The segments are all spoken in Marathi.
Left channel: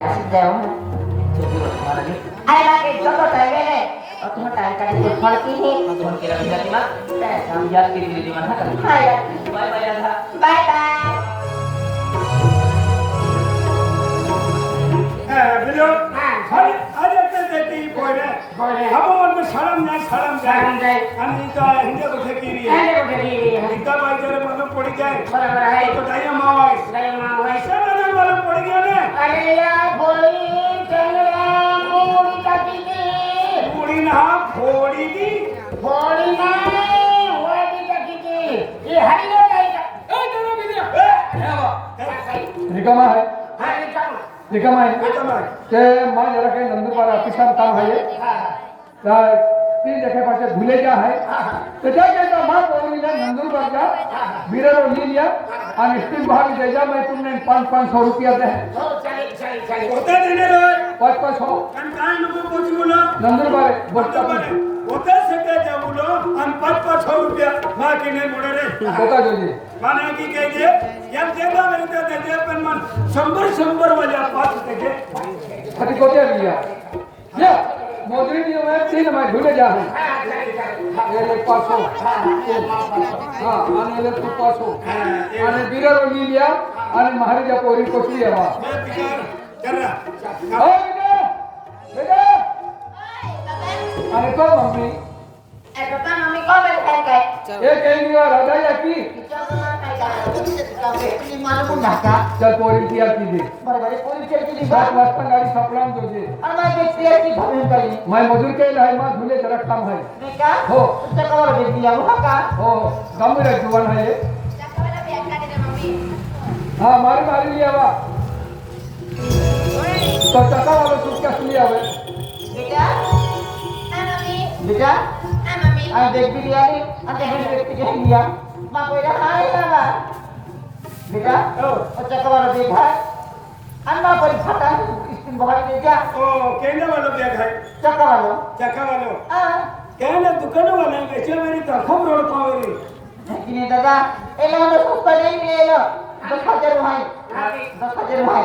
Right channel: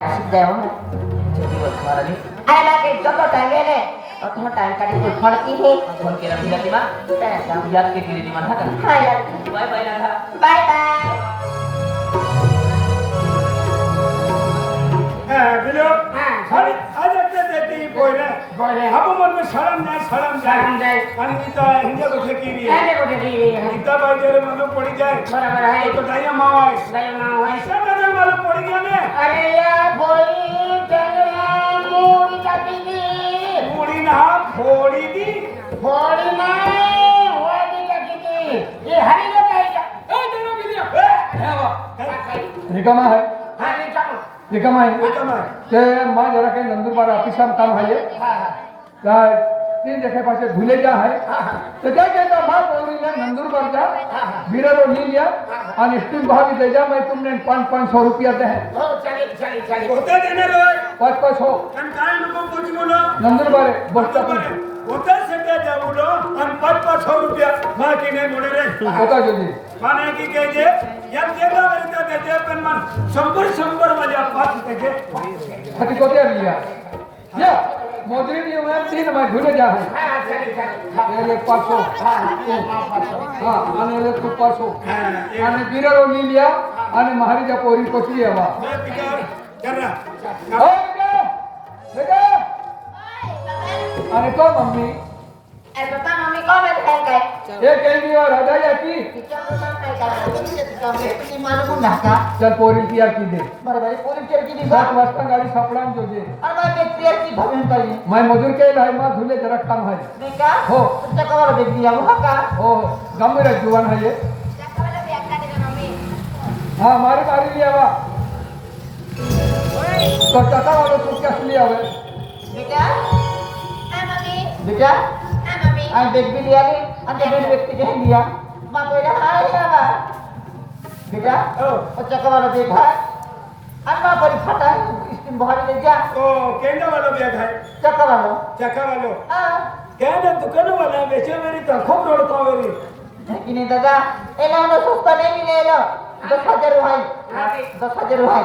देव ai là cái chỗ tôi chạy lên này ở tôi chạy cái cuộc khoa kỹ hết Cuma kira bisa lima, kamu yakin diri di mana kan? hai là Bye bye Radha. bye bye below सारी आज एकदा देते पोयरे बोले आपण म्हणतो सलाम सलाम जाय जाय. आणि इथं हिंदा दुखे केली अरे उठे रे इथं बाईकडे मला पडी जाय बरोबर आहे तो दाया माय लय मग व्हायचं सगळं मला पडी गेले अरे या बोली तेरे मोडी टाकीची मुडी ना फोडी दी मोडी नाही मोडी टाकीची हे हरी लोक आहे का ए दादा बिलिया रिकामा आहे हा रे चालू रिकामा आहे एकदम ते माझ्या जरा काही नंदुरबार ऑफिसर काम आहे काय तीन जगह पासे धुलेजा आहे त्याच्या त्याच्या भाग वगैरे नंदुरबारच्या बिरलो लिया आणि स्टील भाग द्यायचा मैं तुमने 500 रुपया दे हो चालेल होता देणार होय 500 कारण काय नको कोच मुलं नंदुरबार बस बरोबर आहे. होता सध्या त्या मुलं आणि 500 रुपया बाकी नाही मोडे रे होता जोजी माने की कहे या जगह मेरे तो देते पण मन 100 वाले पास देते कटी कोते लिया ये मोजरी नियम है 3 मैं धुले जा है हा चालेल ये 500 हां आणि ये 500 आणि बिरलो लिया आणि महाराजा पोरी कोसली हवा मैं पिकार कर रहा हो बेटा अरे तो मम्मी अरे पप्पा मम्मी को बैठ काय ये कहेंगी और हदाया की मालूम ढाका चल पोरी किया की दे बरोबर पोलीस केली 7 वाजता गाडी सापडान जोजे आणि मग ते पेरची घालून पाहिजे मैं मजूर के लाय मा धुले जरा काम है नाही का हो. तुमच्या कवर भेटली या बघा का हो गंभीर जुवान है ये हाँ मारी मारी लिया वा तो चटा वाला तू क्या लिया हुआ बेटा बेटा आणि देख भी लिया रे आणि ते दोन व्यक्ती के लिया मा पहिला हाय बाबा बेटा हो. अच्छा कवर देखा आणि मा परी फटा स्टीम बहार दे जा तो केंद्र वाला बैग है चक्का वालो चक्का वाला हां केंद्र दुकान वाला बेचे मेरी तो खूब रोड को मेरी की नाही दादा एला मला सुस्ता नाही लिहिलो 10,000 रुपये 10,000 रुपये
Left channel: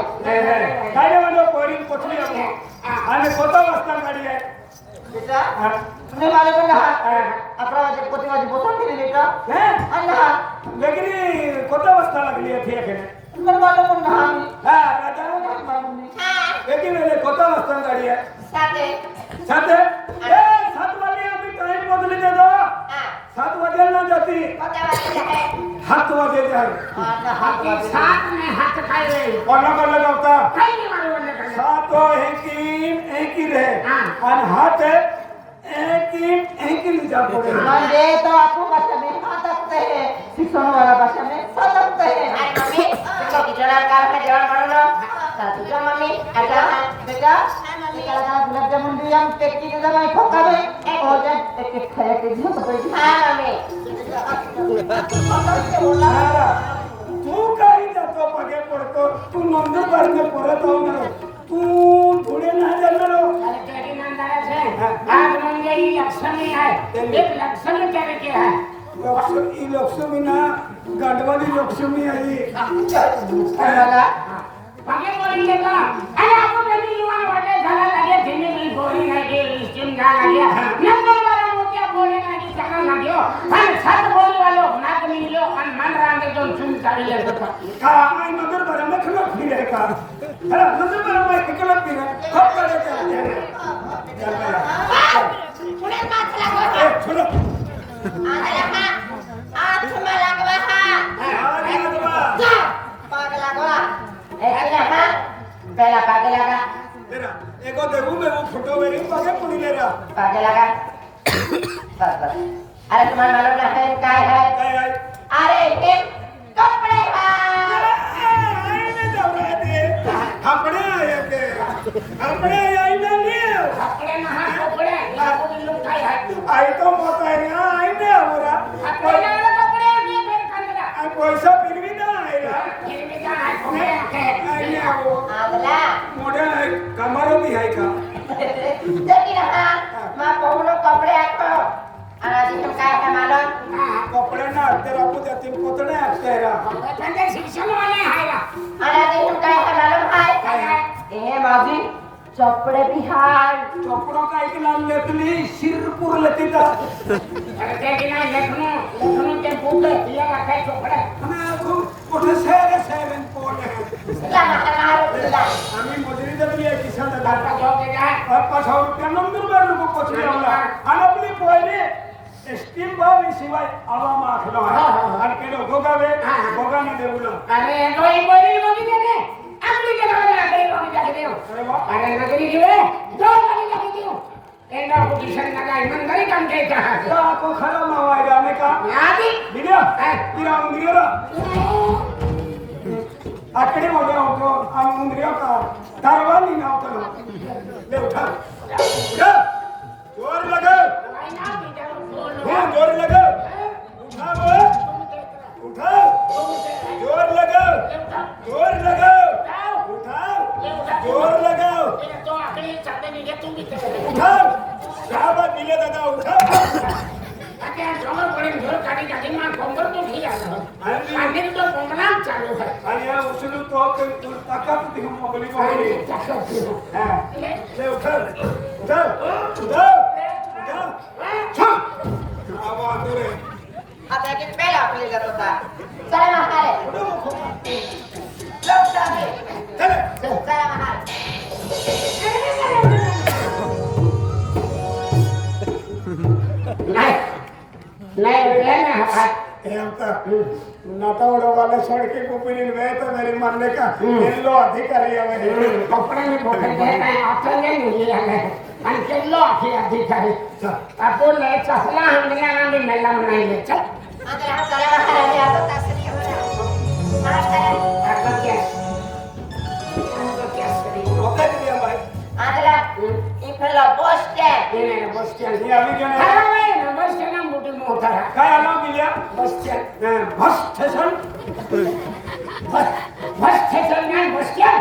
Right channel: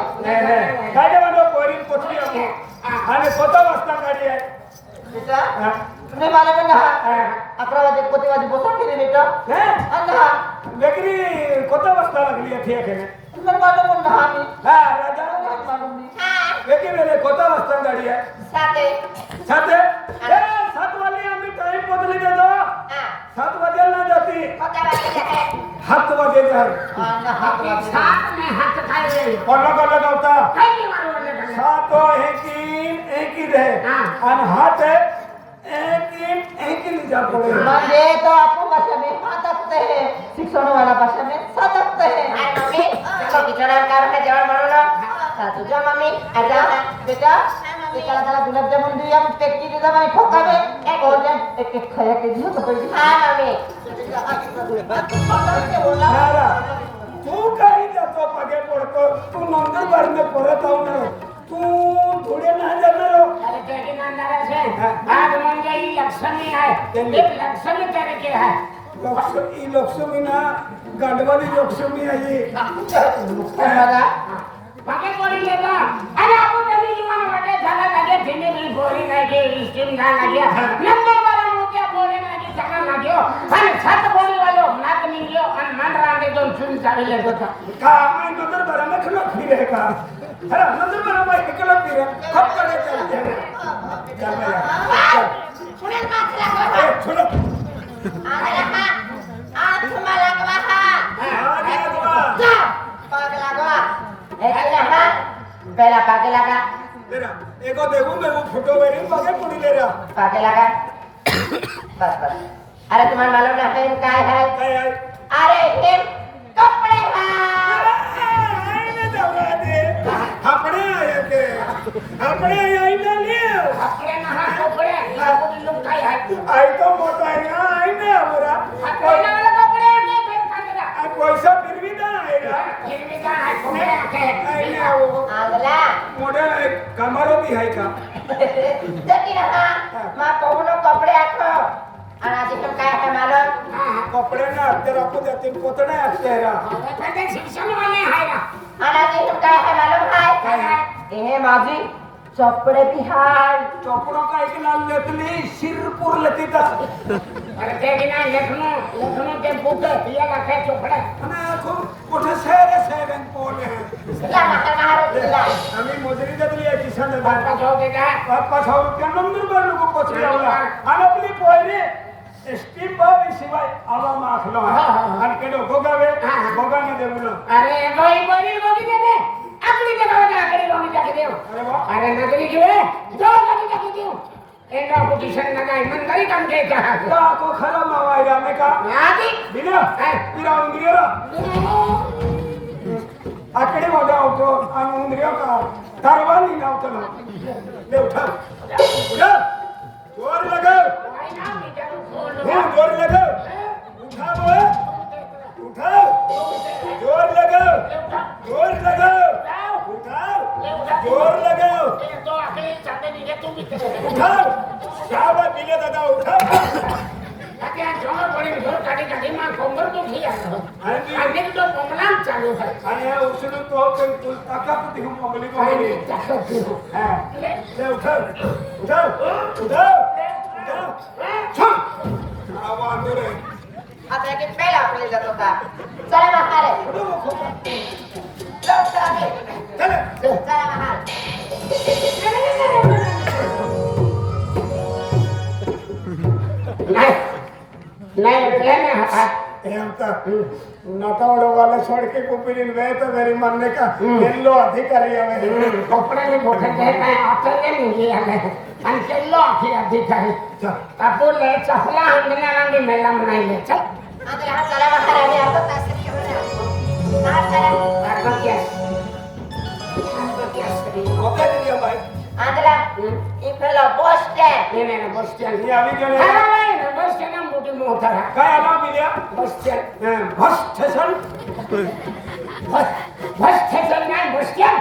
काय वाला पोरी कोठली आहे आणि कोणता वाजता गाडी आहे बेटा हा. तुम्ही मला पण हा 11 वाजे कोटी वाजे बोलतो की नाही बेटा हैं? आणि हा वेगळी कोणता वाजता लागली आहे ठीक आहे तुम्ही मला पण हा मी हा राजा वेगळी वेगळी कोणता वाजता गाडी आहे साते 7 वाले आम्ही टाइम बदले देतो 7 वाजेला ना जाती 7 वाजे जाय कोणा गावता 7 एक ही रहे आणि हात एक ही जा पड़े म्हणजे तो आपण भाषा में सातकते है शिक्षण वाला भाषा में सातकते है चलो किचड़ा कर है जवळ मारो ना तुझ्या मम्मी आता बेटा एकाला त्याला गुलाब जामुन दिया पेटी दे जमा खोका में एक और जन एक खाया के दियो तो पेटी हां मम्मी तू काही जातो पगे पडतो तू नंबर बार में परत आऊ ना तू पुढे ना जाणार अरे तेरी नंदरा से आज मंगेली लक्ष्मी है एक लक्ष्मी तेरे के है लक्ष्मी लक्ष्मी ना गांडवाली लक्ष्मी आहे मला बाकी बोली लेगा अरे आपण नदी निमान वाटे झाला लागे धीमे धीमे बोरी लागे स्टीम ना लागे नंबर वाला मोठ्या बोरी लागे सगळं लागे अरे सात बोली वालो नाक निघलो आणि मन रांगे दोन चुन चालले होता का मैं नंबर बार में खलो फिरे का अरे नंबर बार में खलो फिरे खप करे चल पुण्यात मात लागवा चलो अरे हा आज तुम्हाला लागवा हा पाग लागवा पहला पागे लगा मेरा एको देखू मैं वो फोटो मेरी पगे पुड़ी ले रहा पागे लगा बस अरे तुम्हाला मालूम नाही काय है काय आहे अरे हे कपडे आईने दौरा दे अपने आया के अपने आई ना लियो कपडे ना हा कपडे लाकूड लोक काय आहे आई तो मोटा है ना आई ने हमारा कपडे के बेर कांदा पैसा फिर भी ना आएगा हिरवी का आहे कपडे के आई ने वो आगला मॉडल है कमरो भी है का जती हा मा कोणो कपडे आखो आणि आधी काय आहे मालूम कपड़े ना तेरा को देते पोतड़े अक्षरा पण ते शिक्षण वाले आहे ना आणि आधी काय आहे मालूम आहे काय आहे हे माझी चोपडे बिहार चोपडो काय की नाम लेतली शिरपूर लतीता अरे ते की नाही लखनऊ ते पुढे तिला काय चोपडा आणि खूप मोठे शहर आहे पोले आम्ही मजुरी देतली आहे किसान दादा का जाऊ दे का 5,000 रुपये नंदुरबार लोक पोचले आला आणि आपली पोयरी स्टीम बावी शिवाय आवा माखलो आणि केडो गोगाने देऊला अरे गोई गोई ने आपली के गावे आकडे लोणी टाके देऊ अरे वा अरे नगरी के दो लोणी टाके देऊ एंडा पोजीशन लगा ईमानदारी काम के का या को खरा मावा जाने का आदि बिना इरा उंगरेरा आकडे मोठा होतो आणि उंगरियो का तरवानी नाव ले उठा जोर लगाओ जोर लगाओ उठा बोल उठाओ जोर लगाओ उठाओ जोर लगाओ तो आकडे चालते नाही तुम्ही उठाओ साहब बिले दादा उठाओ आता समोर पडे घर काढी काढी मा कंबर तो घी आला आणि तो बोमला चालू आहे आणि या उचलून तो ताकद देऊ मोगली मोगली ले उठाओ आवाज रे आता एक पेला आपली जात होता चला महारे उडू नको चला महारे नाही प्लेन है ಏನಂತ ನಟವಡವಾಲೆ ಸೊಡಕೆ ಕುಪ್ಪಿನ ವೇತದಲ್ಲಿ ಮನ್ನಕ ಎಲ್ಲೋ ಅಧಿಕಾರಿ ಅವೆ कपड़ा में बोतल दे आता नहीं लिया है आणि केलो की अधिकारी आपण ले चपला हंगण्या आंगी मेला म्हणाले चल आता हा चला महारे मी आता तास ठेवला महाराज अर्धा कॅश ಗೊತ್ತಾಯ್ತಿದೆಯಾ ಬಾಯ್ आंध्रा इकडला बस स्टँड ये नाही बस स्टँड ಈ ಅಲ್ಲಿಗೆ हा बस स्टँड मोठी मोठा काय आला गेल्या बस stand bus station bus station नाही बस स्टँड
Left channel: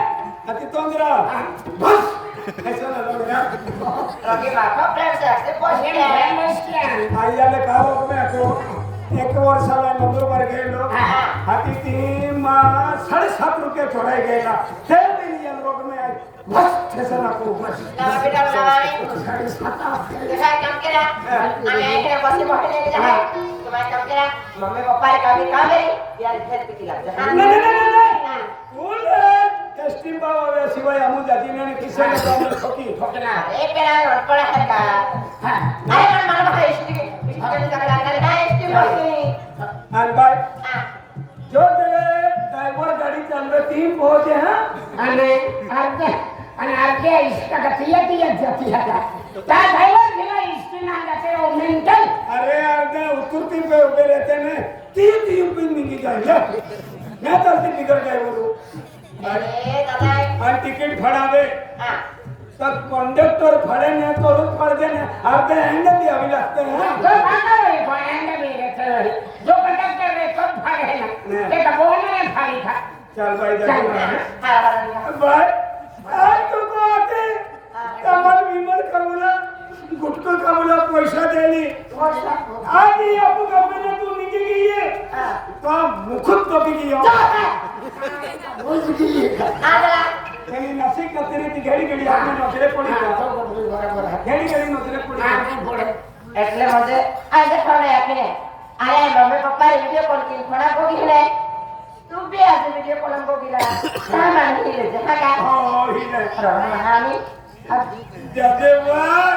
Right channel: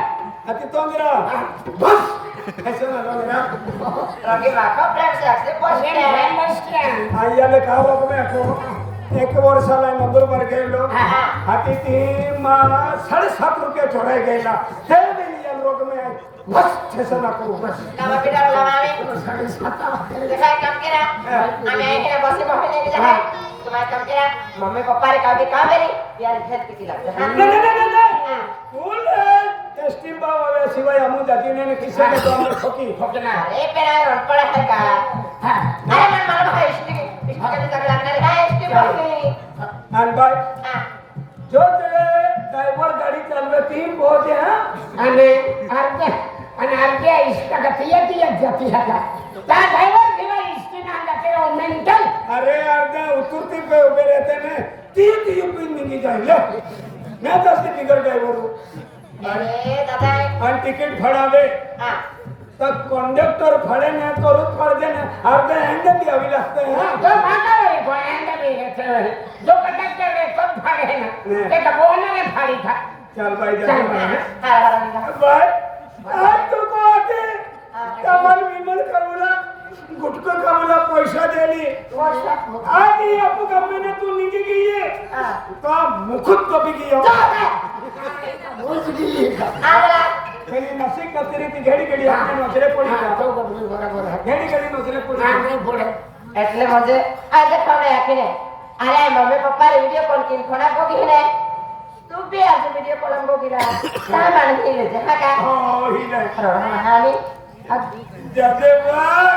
अति तोंदिरा बस स्टेशन ಅಲ್ಲ रगे माका फ्रेंड्स आहे बस स्टँड बस स्टँड ಅಯ್ಯಲ್ಲೇ ಕಾರು ಹೋಗಬೇಕು एक वर्षाला नंदुरबार गेलो हाती ती 7.5 रुपये चोराय गेला ते मिलियन रोग में बस स्टेशन को नावा बेटा नावा देखा काम केला आम्ही इकडे बसी बसले आहे तुम्हाला काम केला मम्मी पप्पा रे काढी काम रे यार घर किती लागतं नहीं फुल टेस्टिंग बाबा शिवाय अमू जाती ने किसे ने काम ठोकी ठोकना अरे पेला रडपड आहे का अरे मला भाई इष्टी सगळं लागणार काय इष्टी भाई एंड बाय जो तेरे ड्राइवर गाड़ी चालवे 3 पहुंचे हैं आणि अर्धे इष्ट गती जाती है त्या ड्राइवर किंवा इष्टी ना जाते हो मेंटल अरे आगे उतरती पे उभे रहते ने 3 पिन निकी जाइले मैं तो से बिगड़ गए वो अरे दादा और टिकट फड़ावे हां तब कंडक्टर फड़े ने तो रुक पड़ देने आगे एंड भी अभी लगते हैं तो आता है तो एंड भी रहते जो कंडक्टर है सब फाड़े हैं ते का बोलने ने फाड़ी था चल भाई चल देखो हां भाई आज तो को आते कमल विमल कमला गुटका कमला पैसा देली आज ही आपको गमने तू निकल गई है तो मुखुत कभी गई बुझ गई आंध्रा केली नसी कतरी ती घडी घडी आपने नजरे पड़ी तो बराबर है घडी घडी नजरे पड़ी नहीं पड़े એટલે મને આ દેખાડે આખીને અરે મમ્મી પપ્પા વિડિયો કોલ કરી ખોડા બોગીલે તું બી આજે વિડિયો કોલ બોગીલા સામાન હિલે છે હા કા ओ ही ले હામી जते भाई